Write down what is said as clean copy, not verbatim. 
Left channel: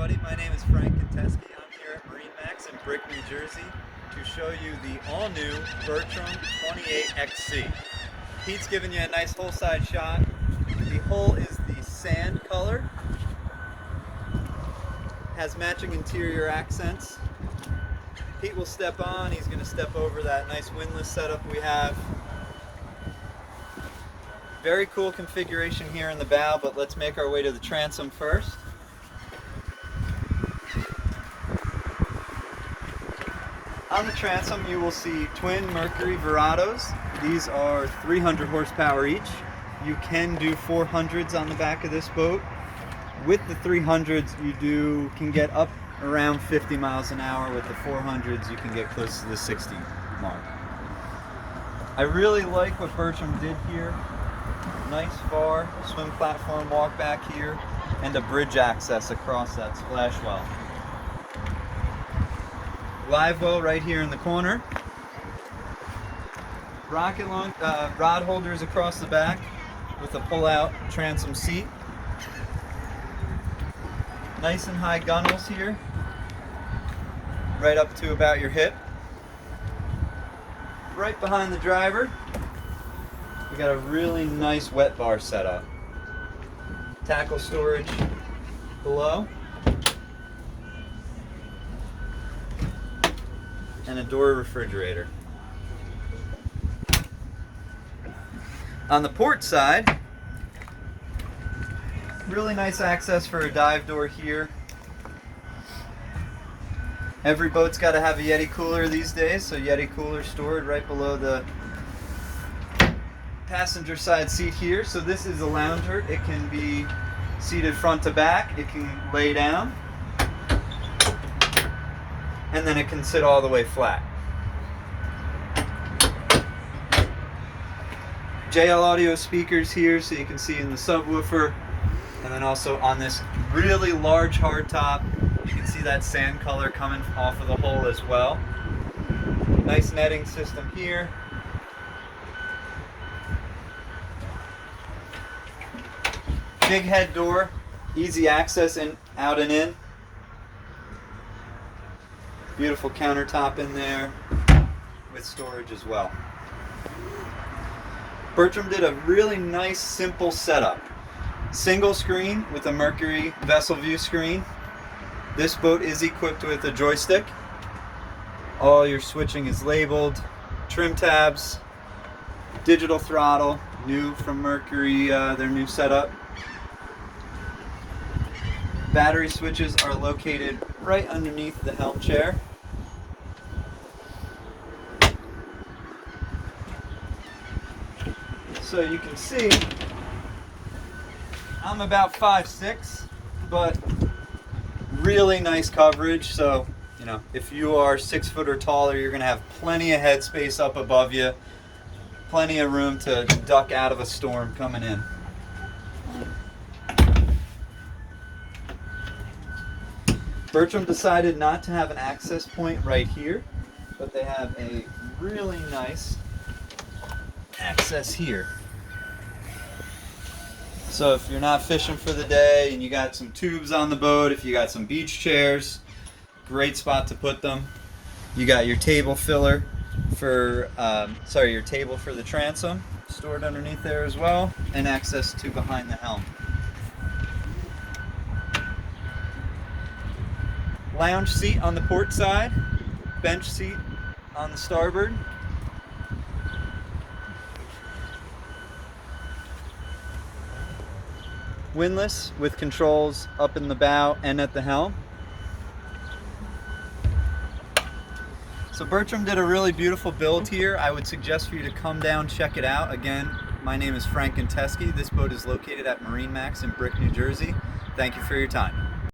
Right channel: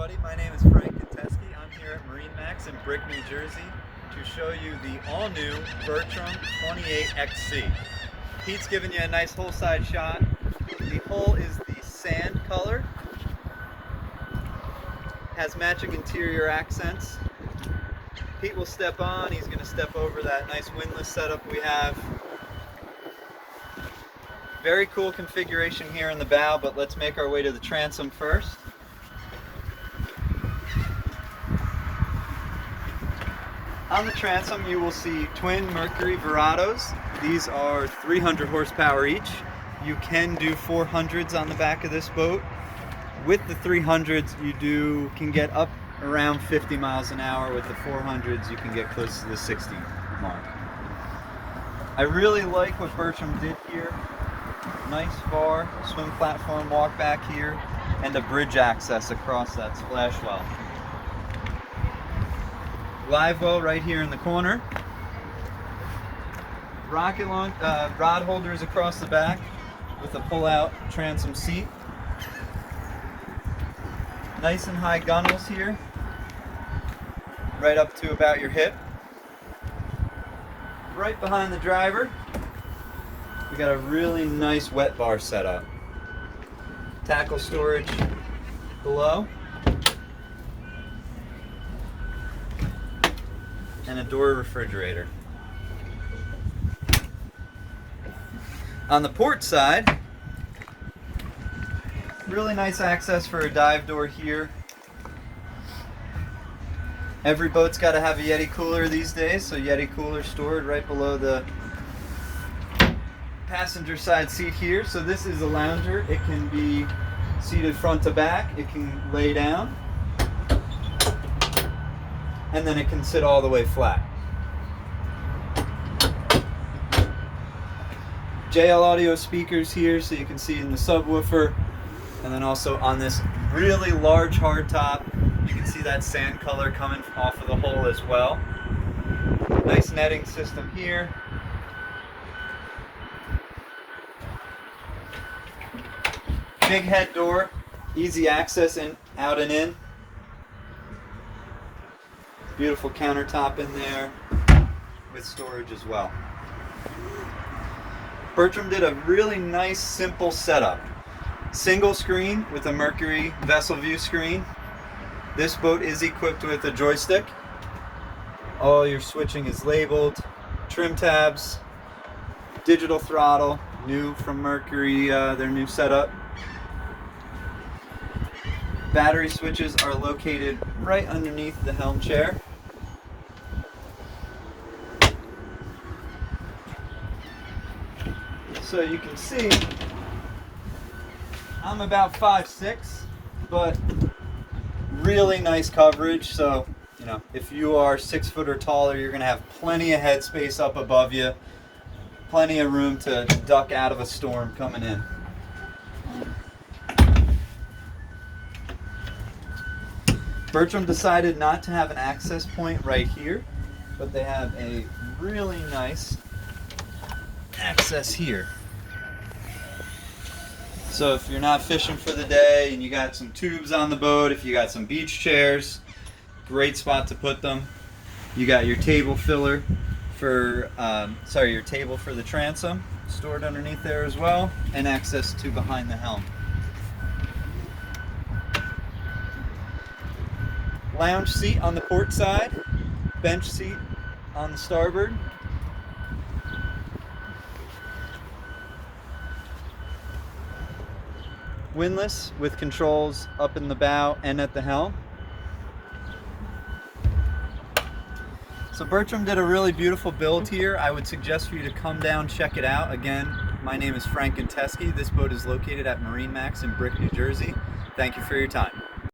everybody, my name is Frank Contesky. I'm here at MarineMax in Brick, New Jersey to show you the all-new Bertram 28XC. Pete's giving you a nice whole side shot. The hull is the sand color, has matching interior accents. Pete will step on, he's going to step over that nice windlass setup we have. Very cool configuration here in the bow, but let's make our way to the transom first. On the transom you will see twin Mercury Verados. These are 300 horsepower each. You can do 400s on the back of this boat. With the 300s you can get up around 50 miles an hour. With the 400s you can get close to the 60 mark. I really like what Bertram did here. Nice bar, swim platform walk back here, and a bridge access across that splash well. Live well right here in the corner. Rod holders across the back with a pull-out transom seat. Nice and high gunnels here, right up to about your hip. Right behind the driver, we got a really nice wet bar setup. Tackle storage below. And a door refrigerator. On the port side, really nice access for a dive door here. Every boat's got to have a Yeti cooler these days, so Yeti cooler stored right below the passenger side seat here. So this is a lounger. It can be seated front to back. It can lay down. And then it can sit all the way flat. JL audio speakers here so you can see in the subwoofer, and then also on this really large hardtop you can see that sand color coming off of the hull as well. Nice netting system here. Big head door, easy access in, out and in. Beautiful countertop in there with storage as well. Bertram did a really nice simple setup. Single screen with a Mercury vessel view screen. This boat is equipped with a joystick. All your switching is labeled. Trim tabs, digital throttle, new from Mercury, their new setup. Battery switches are located right underneath the helm chair. So you can see, I'm about 5'6", but really nice coverage. So, you know, if you are 6 foot or taller, you're gonna have plenty of headspace up above you, plenty of room to duck out of a storm coming in. Bertram decided not to have an access point right here, but they have a really nice access here. So if you're not fishing for the day and you got some tubes on the boat, if you got some beach chairs, great spot to put them. You got your table filler for, your table for the transom stored underneath there as well, and access to behind the helm. Lounge seat on the port side, bench seat on the starboard. Windlass with controls up in the bow and at the helm. So Bertram did a really beautiful build here. I would suggest for you to come down, check it out. Again, my name is Frank Contesky. This boat is located at MarineMax in Brick, New Jersey. Thank you for your time.